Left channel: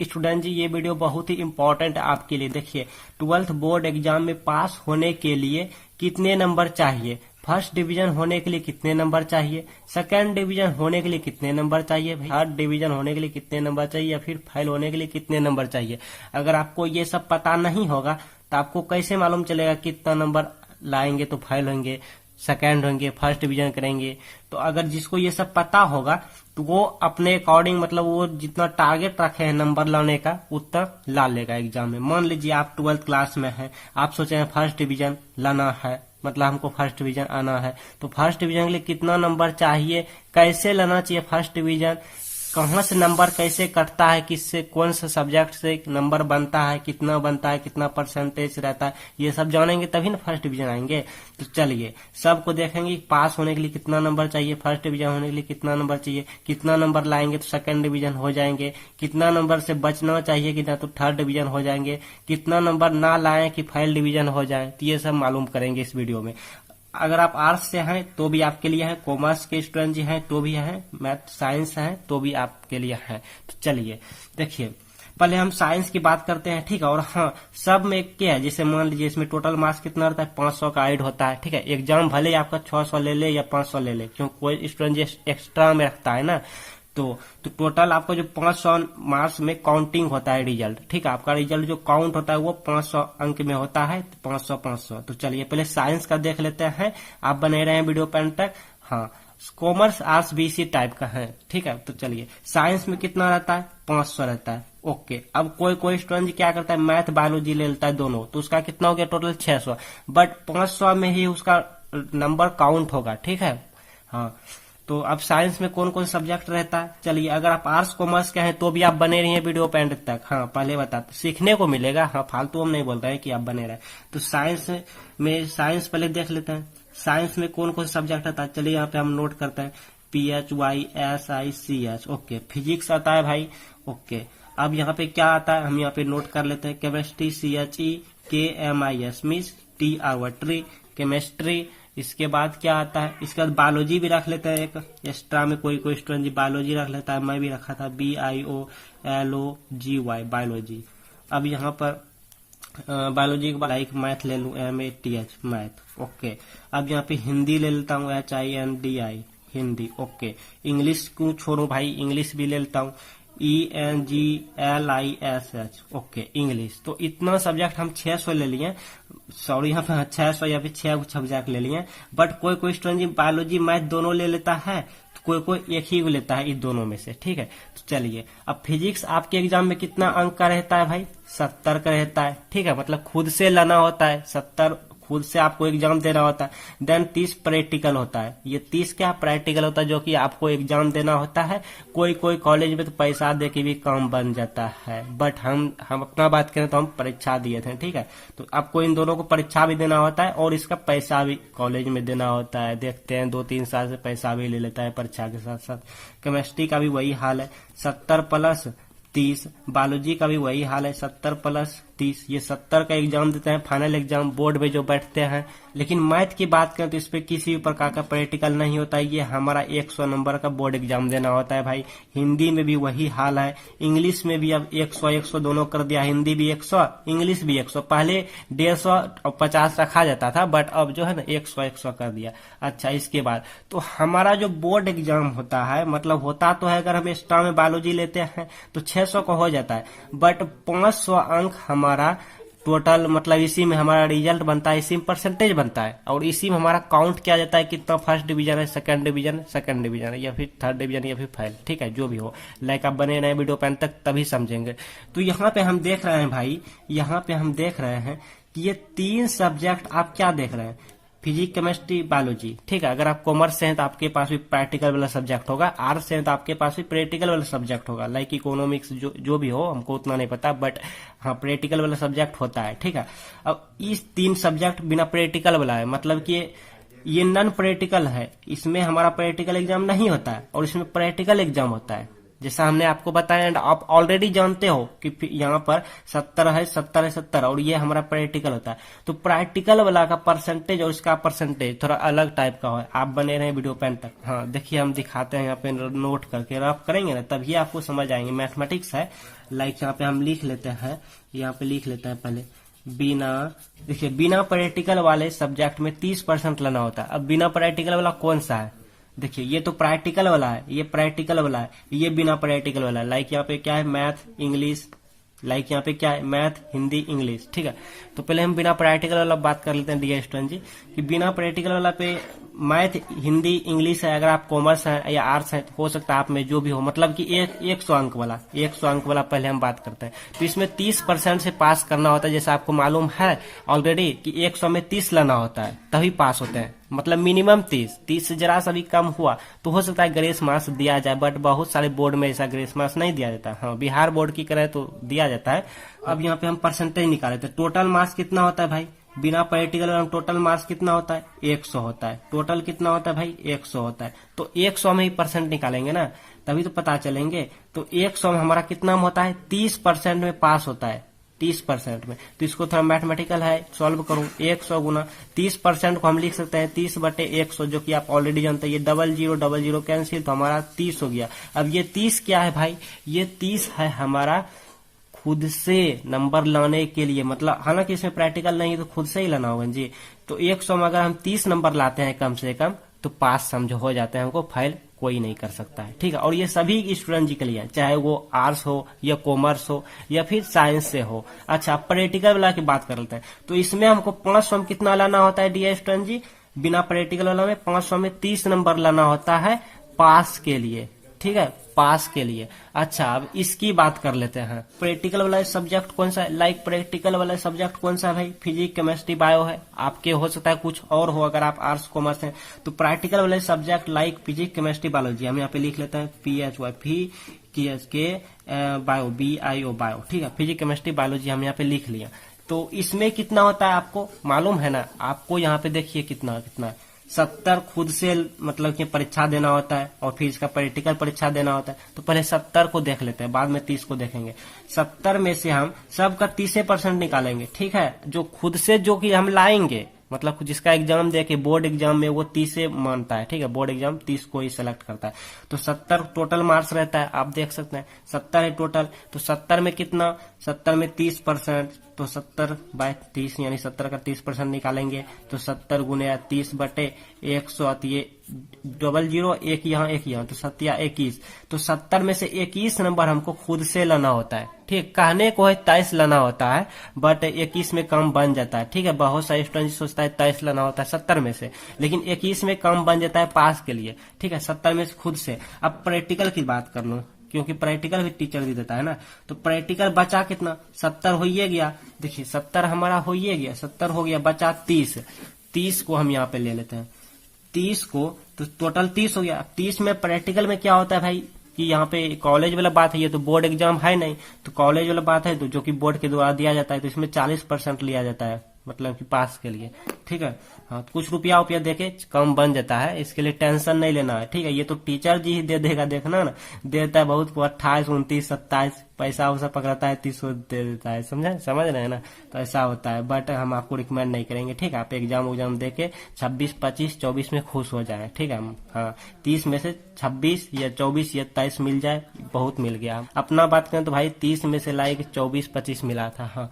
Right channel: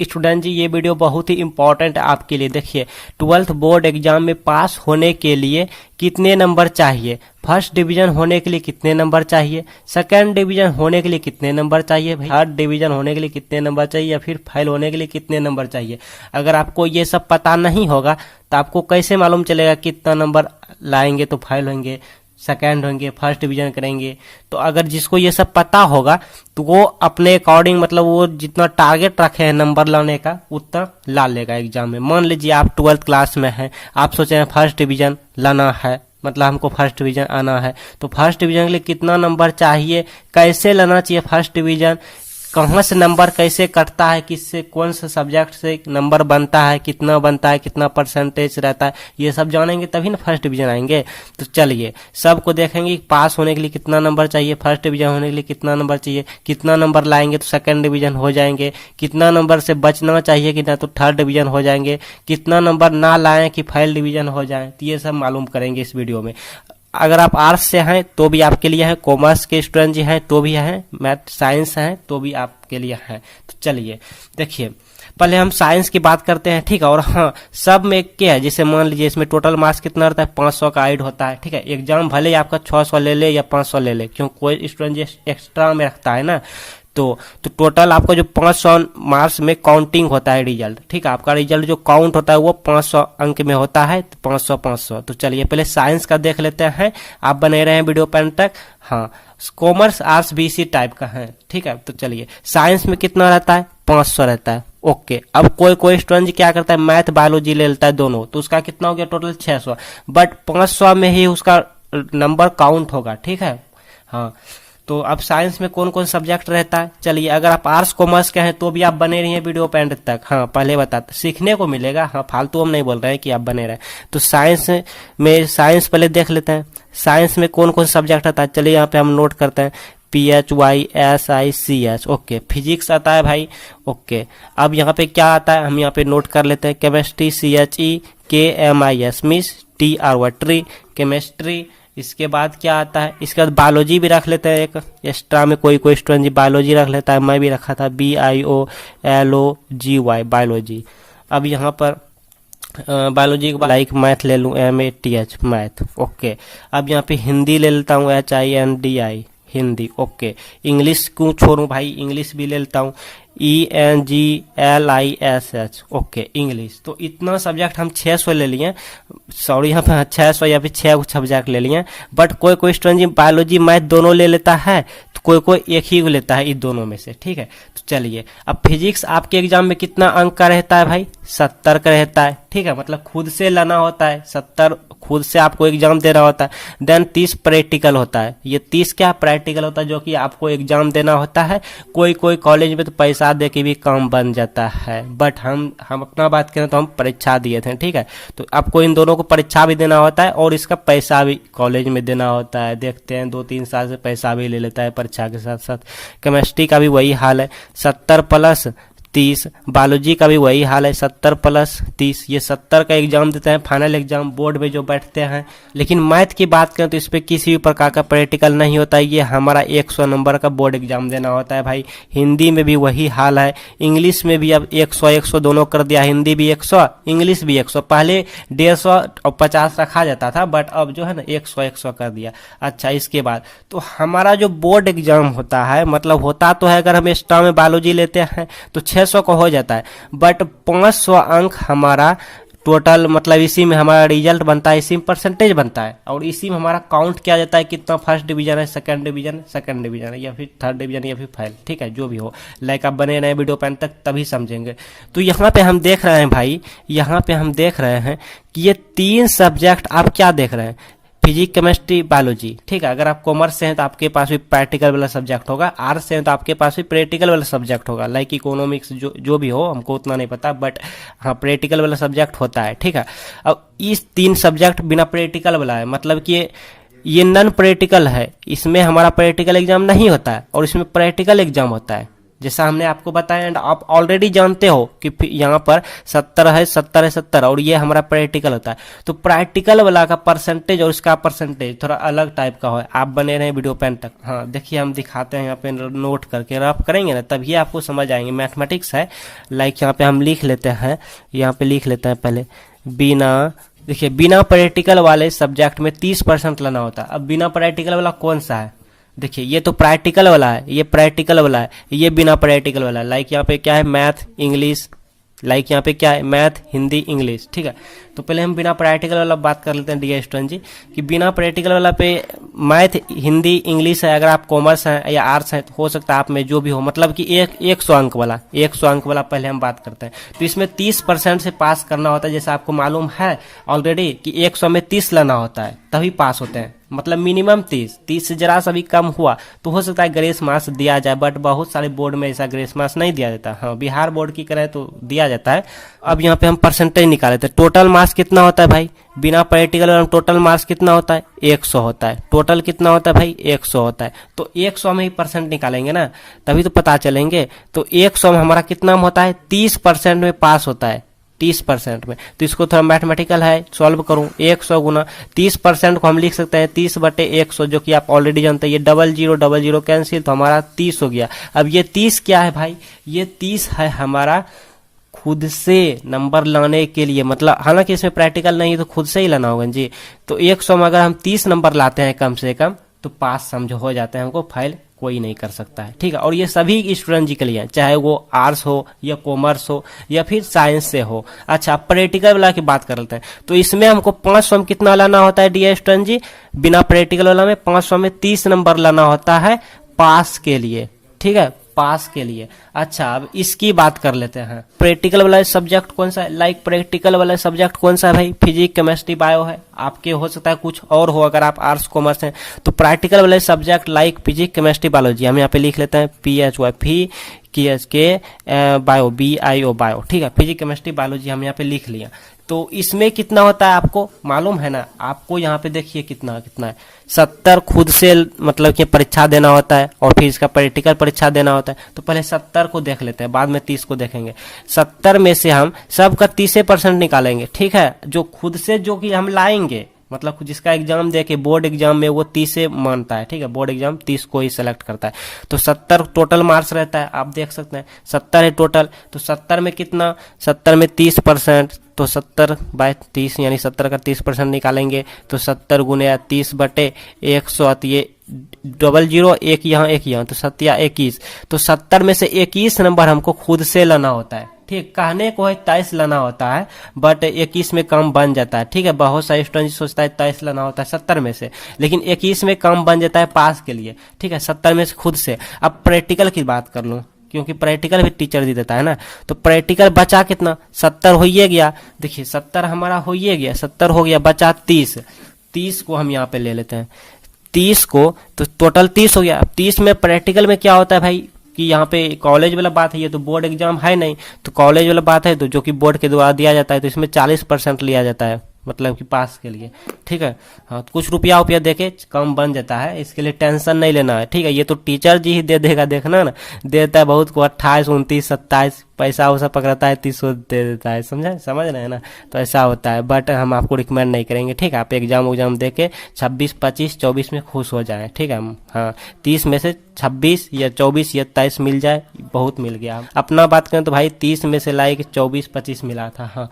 Student जी, ये video बहुत ही important है आपके लिए। देखिए, 12th बोर्ड एग्जाम में पास होने के लिए कितने नंबर चाहिए, फर्स्ट डिवीजन होने के लिए कितने नंबर चाहिए, सेकंड डिवीजन होने के लिए कितने नंबर चाहिए, थर्ड डिवीजन होने के लिए कितने नंबर चाहिए, या फिर फेल होने के लिए कितने नंबर चाहिए। अगर आपको ये सब पता नहीं होगा तो आपको कैसे मालूम चलेगा कितना नंबर लाएंगे तो फेल होंगे, सेकंड होंगे, फर्स्ट डिवीजन करेंगे। तो अगर जिसको ये सब पता होगा तो वो अपने अकॉर्डिंग, मतलब वो जितना टारगेट रखे हैं नंबर लाने का उतना ला लेगा एग्जाम में। मान लीजिए आप 12th क्लास में हैं, आप सोचे हैं फर्स्ट डिवीजन लाना है, मतलब हमको फर्स्ट डिवीजन आना है, तो फर्स्ट डिवीजन के लिए कितना नंबर चाहिए, कैसे लाना चाहिए फर्स्ट डिवीजन, कहाँ से नंबर कैसे कटता है, किससे कौन सा सब्जेक्ट से नंबर बनता है, कितना परसेंटेज रहता है, ये सब जानेंगे तभी ना फर्स्ट डिवीजन आएंगे। तो चलिए सबको देखेंगे, पास होने के लिए कितना नंबर चाहिए, फर्स्ट डिवीजन होने के लिए कितना नंबर चाहिए, कितना नंबर लाएंगे तो सेकंड डिवीजन हो जाएंगे, कितना नंबर से बचना चाहिए कि ना तो थर्ड डिवीजन हो जाएंगे, कितना नंबर ना लाएं कि फेल डिवीजन हो जाए। तो ये सब मालूम करेंगे इस वीडियो में। अगर आप आर्ट्स से हैं तो भी आपके लिए है, कॉमर्स के स्टूडेंट जी हैं तो भी हैं, मैथ साइंस हैं तो भी आपके लिए है। तो चलिए देखिए, पहले हम साइंस की बात करते हैं, ठीक है। और हाँ, सब में क्या है, जैसे मान लीजिए इसमें टोटल मार्क्स कितना रहता है, 500 का ऐड होता है, ठीक है। एग्जाम भले ही आपका 600 ले ले या 500 ले ले, क्यों कोई स्टूडेंट एक्स्ट्रा में रखता है ना, तो टोटल आपका जो 500 मार्क्स में काउंटिंग होता है रिजल्ट, ठीक है। आपका रिजल्ट जो काउंट होता है वो 500 अंक में होता है, तो 500। तो चलिए पहले साइंस का देख लेते हैं, आप बने रहे हैं वीडियो पेन तक। हाँ, कॉमर्स आर्ट्स भी इसी टाइप का है, ठीक है। तो चलिए साइंस में कितना रहता है, 500 रहता है, ओके। अब कोई स्टूडेंट क्या करता है, मैथ बायोलॉजी ले लेता है दोनों, तो उसका कितना हो गया टोटल 600, बट 500 में ही उसका नंबर काउंट होगा, ठीक है। हाँ, तो अब साइंस में कौन कौन सब्जेक्ट रहता है, चलिए अगर आप आर्ट्स कॉमर्स के हैं तो भी आप बने रहिए वीडियो पे एंड तक। हाँ, पहले बताते, सीखने को मिलेगा, हाँ फालतू हम नहीं बोल रहे हैं कि आप बने रहे। तो साइंस पहले देख लेते हैं, साइंस में कौन कौन सब्जेक्ट आता है। चलिए यहाँ पे हम नोट करते हैं, PHYSICH, ओके। फिजिक्स आता है भाई, ओके। अब यहाँ पे क्या आता है हम यहाँ पे नोट कर लेते हैं, chemistry CHEKMIS miss TR tree, chemistry. इसके बाद क्या आता है, इसके बाद बायोलॉजी भी रख लेते हैं, एक एक्स्ट्रा में कोई स्टूडेंट जी बायोलॉजी रख लेता है, मैं भी रखा था BIOLOGY बायोलॉजी। अब यहाँ पर बायोलॉजी के बाद लाइक मैथ ले लूँ, MATH मैथ, ओके। अब यहाँ पे हिंदी ले लेता हूँ, HINDI हिंदी, ओके। इंग्लिश क्यों छोड़ूं भाई, इंग्लिश भी ले लेता हूँ, ENGLISH, ओके इंग्लिश। तो इतना सब्जेक्ट हम 600 ले लिए, सॉरी यहाँ पे 600 या फिर 6 सब्जेक्ट ले लिए। बट कोई स्टूडेंट बायोलॉजी मैथ दोनों ले लेता है, तो कोई एक ही लेता है इन दोनों में से, ठीक है। तो चलिए, अब फिजिक्स आपके एग्जाम में कितना अंक का रहता है भाई, 70 का रहता है, ठीक है। मतलब खुद से लाना होता है, 70 खुद से आपको एग्जाम देना होता है। देन 30 प्रैक्टिकल होता है, ये 30 क्या प्रैक्टिकल होता है जो कि आपको एग्जाम देना होता है। कोई कॉलेज में तो पैसा दे के भी काम बन जाता है, बट हम अपना बात करें तो हम परीक्षा दिए थे, ठीक है। तो आपको इन दोनों को परीक्षा भी देना होता है और इसका पैसा भी कॉलेज में देना होता है। देखते हैं 2-3 साल से पैसा भी ले लेता है परीक्षा के साथ साथ। केमिस्ट्री का भी वही हाल है, 70 प्लस 30। बायोलॉजी का भी वही हाल है, 70 प्लस 30। ये 70 का एग्जाम देते हैं फाइनल एग्जाम बोर्ड में जो बैठते हैं। लेकिन मैथ की बात करें तो इस पे किसी भी प्रकार का प्रैक्टिकल नहीं होता है, ये हमारा 100 नंबर का बोर्ड एग्जाम देना होता है भाई। हिंदी में भी वही हाल है, इंग्लिश में भी अब 100 दोनों कर दिया, हिंदी भी 100 इंग्लिश भी 100। पहले 150 और 50 रखा जाता था, बट अब जो है ना 100 कर दिया। अच्छा, इसके बाद तो हमारा जो बोर्ड एग्जाम होता है, मतलब होता तो है, अगर हम एक्स्ट्रा में बायोलॉजी लेते हैं तो 600 का हो जाता है, बट 500 अंक हमारा टोटल, मतलब इसी में हमारा रिजल्ट बनता है, इसी में परसेंटेज बनता है, और इसी में हमारा काउंट किया जाता है कितना फर्स्ट डिवीजन है, सेकंड डिवीजन है या फिर थर्ड डिवीजन या फिर फेल, ठीक है। जो भी हो, लाइक आप बने रहे वीडियो पेन तक तभी समझेंगे। तो यहाँ पे हम देख रहे हैं भाई, यहाँ पे हम देख रहे हैं कि ये 3 सब्जेक्ट आप क्या देख रहे हैं, फिजिक्स केमिस्ट्री बायोलॉजी, ठीक है। अगर आप कॉमर्स से हैं तो आपके पास भी प्रैक्टिकल वाला सब्जेक्ट होगा, आर्ट्स से हैं तो आपके पास भी प्रैक्टिकल वाला सब्जेक्ट होगा, लाइक इकोनॉमिक्स जो भी हो, हमको उतना नहीं पता, बट हाँ प्रैक्टिकल वाला सब्जेक्ट होता है, ठीक है। अब इस 3 सब्जेक्ट बिना प्रैक्टिकल वाला है, मतलब कि ये नॉन प्रैक्टिकल है, इसमें हमारा प्रैक्टिकल एग्जाम नहीं होता है और इसमें प्रैक्टिकल एग्जाम होता है, जैसा हमने आपको बताया, एंड आप ऑलरेडी जानते हो कि यहाँ पर 70 है, 70 है, 70, और ये हमारा प्रैक्टिकल होता है। तो प्रैक्टिकल वाला का परसेंटेज और इसका परसेंटेज थोड़ा अलग टाइप का हो। आप बने रहे वीडियो पेन तक। हाँ देखिए, हम दिखाते हैं यहाँ पे, नोट करके रफ करेंगे ना तभी आपको समझ आएंगे। मैथमेटिक्स है, लाइक यहाँ पे हम लिख लेते हैं, यहाँ पे लिख लेते हैं पहले, देखिए बिना प्रैक्टिकल वाले सब्जेक्ट में 30% लाना होता है। अब बिना प्रैक्टिकल वाला कौन सा है? देखिए ये तो प्रैक्टिकल वाला है, ये प्रैक्टिकल वाला है, ये बिना प्रैक्टिकल वाला है। लाइक यहाँ पे क्या है, मैथ इंग्लिश, लाइक यहाँ पे क्या है, मैथ हिंदी इंग्लिश, ठीक है। तो पहले हम बिना प्रैक्टिकल वाला बात कर लेते हैं डियर स्टूडेंट जी, कि बिना प्रैक्टिकल वाला पे मैथ हिंदी इंग्लिश है, अगर आप कॉमर्स हैं या आर्ट्स हैं तो हो सकता है आप में जो भी हो, मतलब कि 100 अंक वाला, 100 अंक वाला पहले हम बात करते हैं। तो इसमें 30% से पास करना होता है, जैसा आपको मालूम है ऑलरेडी कि 100 में 30 लाना होता है तभी पास होते हैं, मतलब मिनिमम 30 से जरा सा भी कम हुआ तो हो सकता है ग्रेस मार्क्स दिया जाए, बट बहुत सारे बोर्ड में ऐसा ग्रेस मार्क्स नहीं दिया जाता। हाँ बिहार बोर्ड की करें तो दिया जाता है। अब यहाँ पे हम परसेंटेज निकाले थे, टोटल मार्क्स कितना होता है भाई, बिना प्रैक्टिकल और टोटल मार्क्स कितना होता है, 100 होता है। टोटल कितना होता है भाई, 100 होता है। तो 100 में ही परसेंट निकालेंगे ना तभी तो पता चलेंगे। तो 100 में हमारा कितना होता है, 30% में पास होता है, 30% में। तो इसको थोड़ा मैथमेटिकल है, सॉल्व करूं, 100 गुना 30% को हम लिख सकते हैं 30/100, जो कि आप ऑलरेडी जानते हैं। ये 00 कैंसिल, तो हमारा 30 हो गया। अब ये 30 क्या है भाई, ये 30 है हमारा खुद से नंबर लाने के लिए, मतलब हालांकि इसमें प्रैक्टिकल नहीं है तो खुद से ही लाना होगा जी। तो 100 में अगर हम 30 नंबर लाते हैं कम से कम तो पास समझो हो जाते हैं, हमको फेल कोई नहीं कर सकता है, ठीक है। और ये सभी स्टूडेंट जी के लिए, चाहे वो आर्ट्स हो या कॉमर्स हो या फिर साइंस से हो। अच्छा प्रैक्टिकल वाला की बात कर लेते हैं, तो इसमें हमको 500 में कितना लाना होता है डियर स्टूडेंट जी, बिना प्रैक्टिकल वाला में 500 में 30 नंबर लाना होता है पास के लिए, ठीक है, पास के लिए। अच्छा अब इसकी बात कर लेते हैं, प्रैक्टिकल वाला सब्जेक्ट कौन सा है, लाइक प्रैक्टिकल वाला सब्जेक्ट कौन सा है भाई, फिजिक्स केमिस्ट्री बायो है। आपके हो सकता है कुछ और हो, अगर आप आर्ट्स कॉमर्स हैं तो प्रैक्टिकल वाले subject like physics chemistry biology, हम यहाँ पे लिख लेते हैं PHY बायो BIO बायो, ठीक है, फिजिक्स केमिस्ट्री बायोलॉजी हम यहाँ पे लिख लिया। तो इसमें कितना होता है आपको मालूम है ना, आपको यहाँ पे देखिए कितना है, 70 खुद से मतलब कि परीक्षा देना होता है और फिर इसका प्रैक्टिकल परीक्षा देना होता है। तो पहले 70 को देख लेते हैं, बाद में 30 को देखेंगे। 70 में से हम सबका 30% निकालेंगे, ठीक है, जो खुद से जो कि हम लाएंगे, मतलब जिसका एग्जाम दे के बोर्ड एग्जाम में वो 30 से मानता है, ठीक है, बोर्ड एग्जाम 30 को ही सेलेक्ट करता है। तो 70 टोटल मार्क्स रहता है, आप देख सकते हैं 70 है टोटल। तो 70 में कितना, 70 में 30%, तो 70/30 यानी 70 का 30% निकालेंगे तो 70 गुने 30/100, तो ये 00 एक यहाँ तो 7 तो 70 में से 21 नंबर हमको खुद से लाना होता है, ठीक। कहने को है 23 लाना होता है, बट 21 में कम बन जाता है, ठीक है। बहुत सारे स्टूडेंट सोचता है 23 लाना होता है 70 में से, लेकिन 21 में कम बन जाता है पास के लिए, ठीक है, 70 में से खुद से। अब प्रैक्टिकल की बात कर लूँ, क्योंकि प्रैक्टिकल भी टीचर दे देता है ना। तो प्रैक्टिकल बचा कितना, 70 हो ही गया, देखिए 70 हमारा हो ही गया, 70 हो गया, बचा 30 को हम यहाँ पे ले लेते हैं, 30 को, तो टोटल 30 हो गया। 30 में प्रैक्टिकल में क्या होता है भाई, कि यहाँ पे कॉलेज वाला बात है, ये तो बोर्ड एग्जाम है नहीं, तो कॉलेज वाला बात है, तो जो कि बोर्ड के द्वारा दिया जाता है, तो इसमें 40% लिया जाता है, मतलब कि पास के लिए, ठीक है। हाँ तो कुछ रुपया देके कम बन जाता है, इसके लिए टेंशन नहीं लेना है, ठीक है। ये तो टीचर जी ही दे देगा, देखना ना, देता है बहुत को 28, 29, 27 पैसा वैसा पकड़ाता है, 30 दे देता है, समझ रहे हैं ना। तो ऐसा होता है, बट हम आपको रिकमेंड नहीं करेंगे, ठीक है। आप एग्जाम दे के 26, 25, 24 में खुश हो जाए, ठीक है। हाँ 30 में से 26 या 24 या 23 मिल जाए, बहुत मिल गया। अपना बात करें तो भाई 30 में से लाइक 24, 25 मिला था। हाँ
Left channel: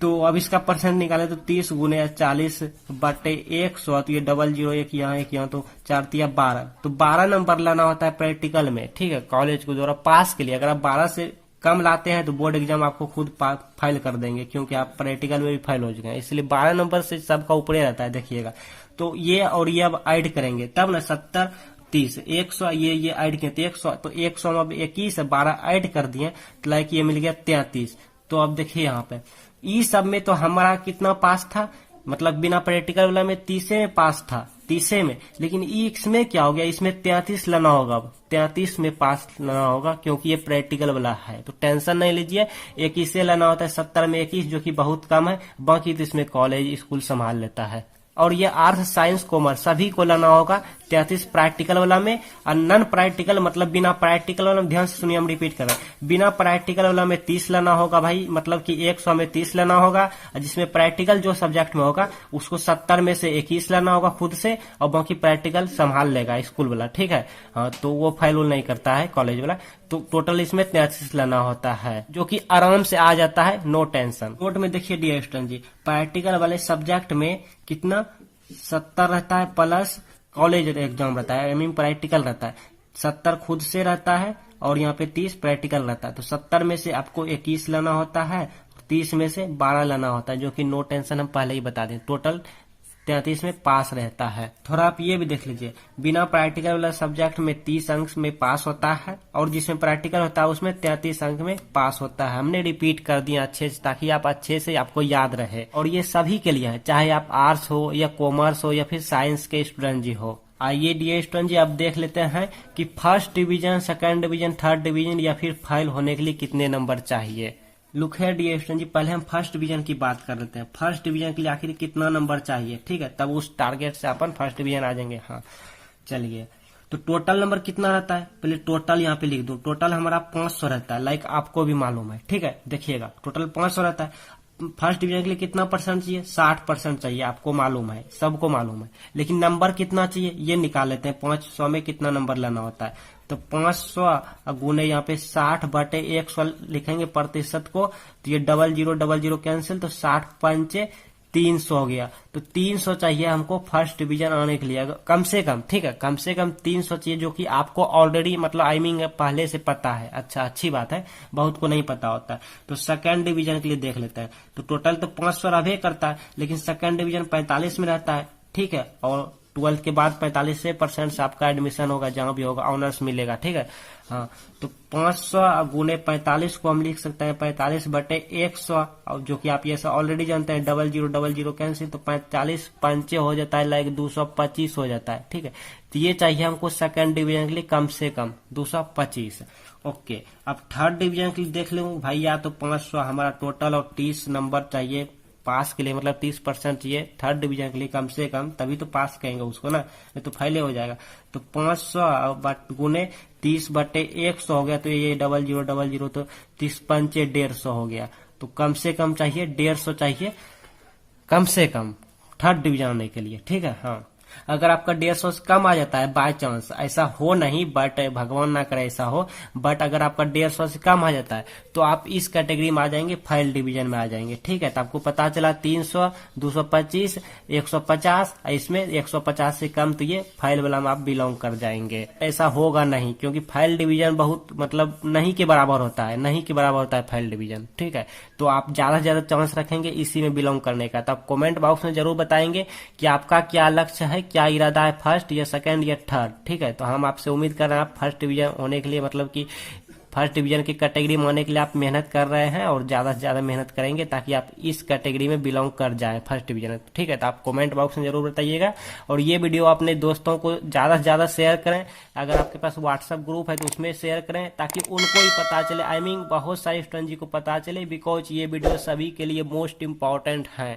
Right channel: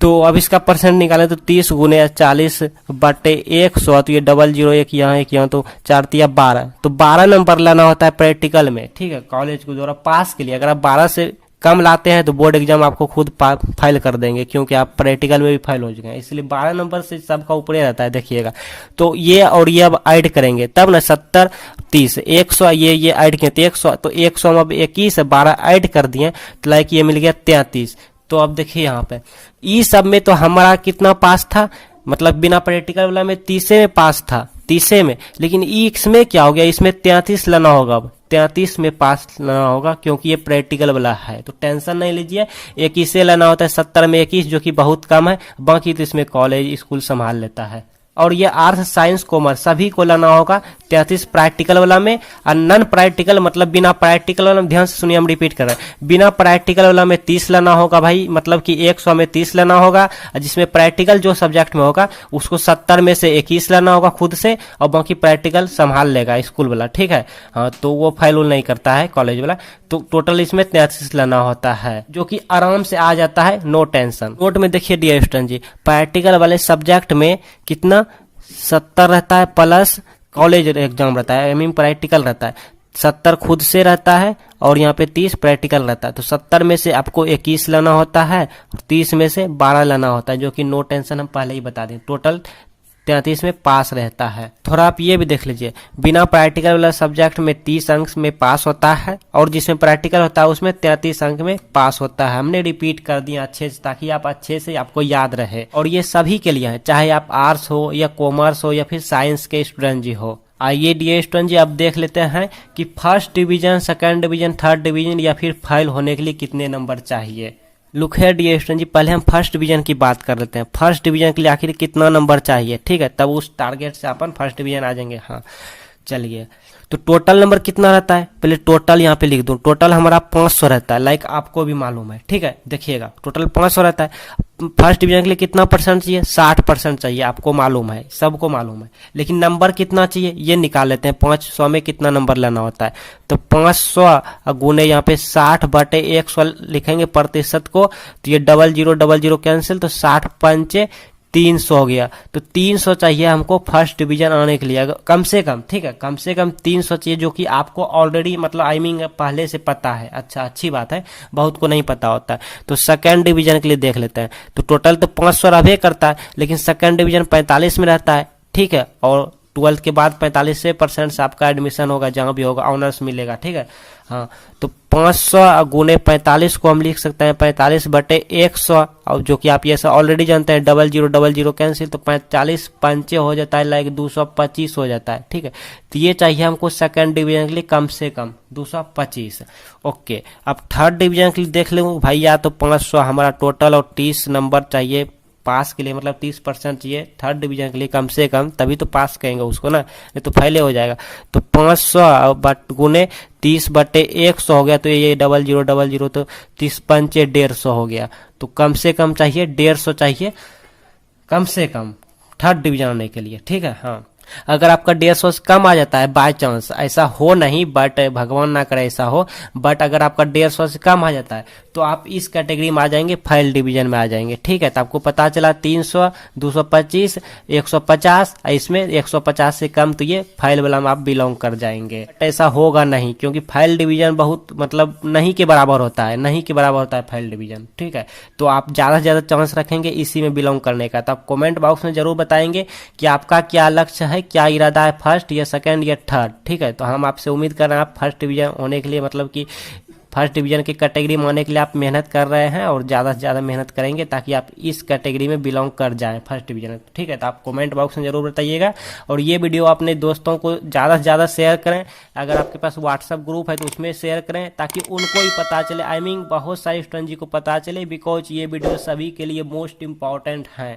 तो अब इसका परसेंट निकाले तो 30 गुने 40/100, तो ये 00 एक यहाँ तो 4 12, तो 12 नंबर लाना होता है प्रैक्टिकल में, ठीक है, कॉलेज के द्वारा पास के लिए। अगर आप 12 से कम लाते हैं तो बोर्ड एग्जाम आपको खुद फाइल कर देंगे, क्योंकि आप प्रैक्टिकल में भी फाइल हो चुके हैं, इसलिए 12 नंबर से सबका ऊपर रहता है, देखिएगा। तो ये और ये अब ऐड करेंगे तब ना, 70, 30, 100, ये ऐड किए तो 100, तो 100 में अब 21 12 ऐड कर दिए, तो लाइक ये मिल गया 33। तो अब देखिए यहाँ पे ई सब में तो हमारा कितना पास था, मतलब बिना प्रैक्टिकल वाला में 30 में पास था, 30 में, लेकिन इसमें क्या हो गया, इसमें 33 लाना होगा, अब 33 में पास लाना होगा, क्योंकि ये प्रैक्टिकल वाला है। तो टेंशन नहीं लीजिए, 21 लाना होता है, 70 में 21 जो कि बहुत कम है, बाकी तो इसमें कॉलेज स्कूल संभाल लेता है, और ये आर्ट्स साइंस कॉमर्स सभी को लेना होगा 33 प्रैक्टिकल वाला में, और नॉन प्रैक्टिकल मतलब बिना प्रैक्टिकल वाला में, ध्यान से सुनिए हम रिपीट कर रहे हैं, बिना प्रैक्टिकल वाला में 30 लेना होगा भाई, मतलब कि 100 में 30 लेना होगा, जिसमें प्रैक्टिकल जो सब्जेक्ट में होगा उसको 70 में से 21 लेना होगा खुद से, और बाकी प्रैक्टिकल संभाल लेगा स्कूल वाला, ठीक है। हाँ, तो वो फाइल नहीं करता है कॉलेज वाला। तो टोटल इसमें 33 लेना होता है, जो कि आराम से आ जाता है, नो टेंशन। नोट में देखिए डियर स्टूडेंट जी, प्रैक्टिकल वाले सब्जेक्ट में कितना 70 रहता है प्लस कॉलेज एग्जाम रहता है, आई मीन प्रैक्टिकल रहता है, 70 खुद से रहता है और यहाँ पे 30 प्रैक्टिकल रहता है। तो 70 में से आपको 21 लेना होता है, 30 में से 12 लेना होता है, जो कि नो टेंशन हम पहले ही बता दें, टोटल 33 में पास रहता है। थोड़ा आप ये भी देख लीजिए, बिना प्रैक्टिकल वाला सब्जेक्ट में 30 अंक में पास होता है, और जिसमें प्रैक्टिकल होता है उसमें 33 अंक में पास होता है। हमने रिपीट कर दिया अच्छे से, ताकि आप अच्छे से आपको याद रहे, और ये सभी के लिए है, चाहे आप आर्ट्स हो या कॉमर्स हो या फिर साइंस के स्टूडेंट जी हो। आइए डियर स्टूडेंट जी, अब देख लेते हैं कि first division, second division, third division या फिर फेल होने के लिए कितने नंबर चाहिए। लुक है डियर स्टूडेंट जी, पहले हम फर्स्ट डिवीजन की बात कर लेते हैं। फर्स्ट डिवीजन के लिए आखिर कितना नंबर चाहिए, ठीक है, तब उस टारगेट से अपन फर्स्ट डिवीजन आ जाएंगे। हाँ चलिए, तो टोटल नंबर कितना रहता है, पहले टोटल यहाँ पे लिख दो। टोटल हमारा 500 रहता है, लाइक आपको भी मालूम है, ठीक है। देखिएगा टोटल 500 रहता है। फर्स्ट डिवीजन के लिए कितना परसेंट चाहिए, 60% चाहिए, आपको मालूम है, सबको मालूम है। लेकिन नंबर कितना चाहिए ये निकाल लेते हैं, 500 में कितना नंबर लेना होता है। तो 500 गुने यहाँ पे 60/100 लिखेंगे प्रतिशत को, तो ये 0000 कैंसिल, तो 60 पंचे 300 हो गया। तो 300 चाहिए हमको फर्स्ट डिवीजन आने के लिए, कम से कम, ठीक है, कम से कम 300 चाहिए, जो कि आपको ऑलरेडी मतलब आई मीन पहले से पता है। अच्छा, अच्छी बात है, बहुत को नहीं पता होता है। तो सेकंड डिवीजन के लिए देख लेते हैं। तो टोटल तो 500 रहबे करता है, लेकिन सेकंड डिवीजन 45 में रहता है, ठीक है, और 12th के बाद 45% से आपका एडमिशन होगा, जहां भी होगा ऑनर्स मिलेगा, ठीक है। हाँ, तो 500 गुने 45 को हम लिख सकते हैं 45/100, और जो कि आप ये सब ऑलरेडी जानते हैं, 0000 कैंसिल, तो 45 पंचे हो जाता है, लाइक 225 हो जाता है, ठीक है। तो ये चाहिए हमको सेकंड डिवीजन के लिए कम से कम 225। ओके, अब थर्ड डिवीजन के लिए देख लूँ भैया, तो 500 हमारा टोटल और 30 नंबर चाहिए पास के लिए, मतलब 30% चाहिए थर्ड डिवीजन के लिए कम से कम, तभी तो पास कहेंगे उसको ना, नहीं तो फेल हो जाएगा। तो 500 गुने 30/100 हो गया, तो ये 0000, तो 30 पंचे 150 हो गया। तो कम से कम चाहिए 150 चाहिए कम से कम थर्ड डिवीजन आने के लिए, ठीक है। हाँ, अगर आपका 150 से कम आ जाता है, बाय चांस, ऐसा हो नहीं, बट भगवान ना करे ऐसा हो, बट अगर आपका 150 से कम आ जाता है तो आप इस कैटेगरी में आ जाएंगे, फेल डिवीजन में आ जाएंगे, ठीक है। तो आपको पता चला 300, 225, 150, इसमें 150 से कम, तो ये फेल वाला में आप बिलोंग कर जाएंगे। ऐसा होगा नहीं, क्योंकि फेल डिवीजन बहुत मतलब नहीं के बराबर होता है, नहीं के बराबर होता है फेल डिवीजन, ठीक है। तो आप ज्यादा से ज्यादा चांस रखेंगे इसी में बिलोंग करने का। तो आप कमेंट बॉक्स में जरूर बताएंगे कि आपका क्या लक्ष्य है, क्या इरादा है, फर्स्ट या सेकंड या थर्ड, ठीक है। तो हम आपसे उम्मीद कर रहे हैं आप फर्स्ट डिवीजन होने के लिए, मतलब कि फर्स्ट डिवीजन की कैटेगरी में आने के लिए आप मेहनत कर रहे हैं, और ज़्यादा से ज़्यादा मेहनत करेंगे ताकि आप इस कैटेगरी में बिलोंग कर जाएं फर्स्ट डिवीजन, ठीक है। तो आप कमेंट बॉक्स में जरूर बताइएगा, और ये वीडियो अपने दोस्तों को ज़्यादा से ज़्यादा शेयर करें। अगर आपके पास व्हाट्सएप ग्रुप है तो उसमें शेयर करें, ताकि उनको ही पता चले, आई मीन बहुत सारे स्टूडेंट जी को पता चले, बिकॉज ये वीडियो सभी के लिए मोस्ट इम्पॉर्टेंट है।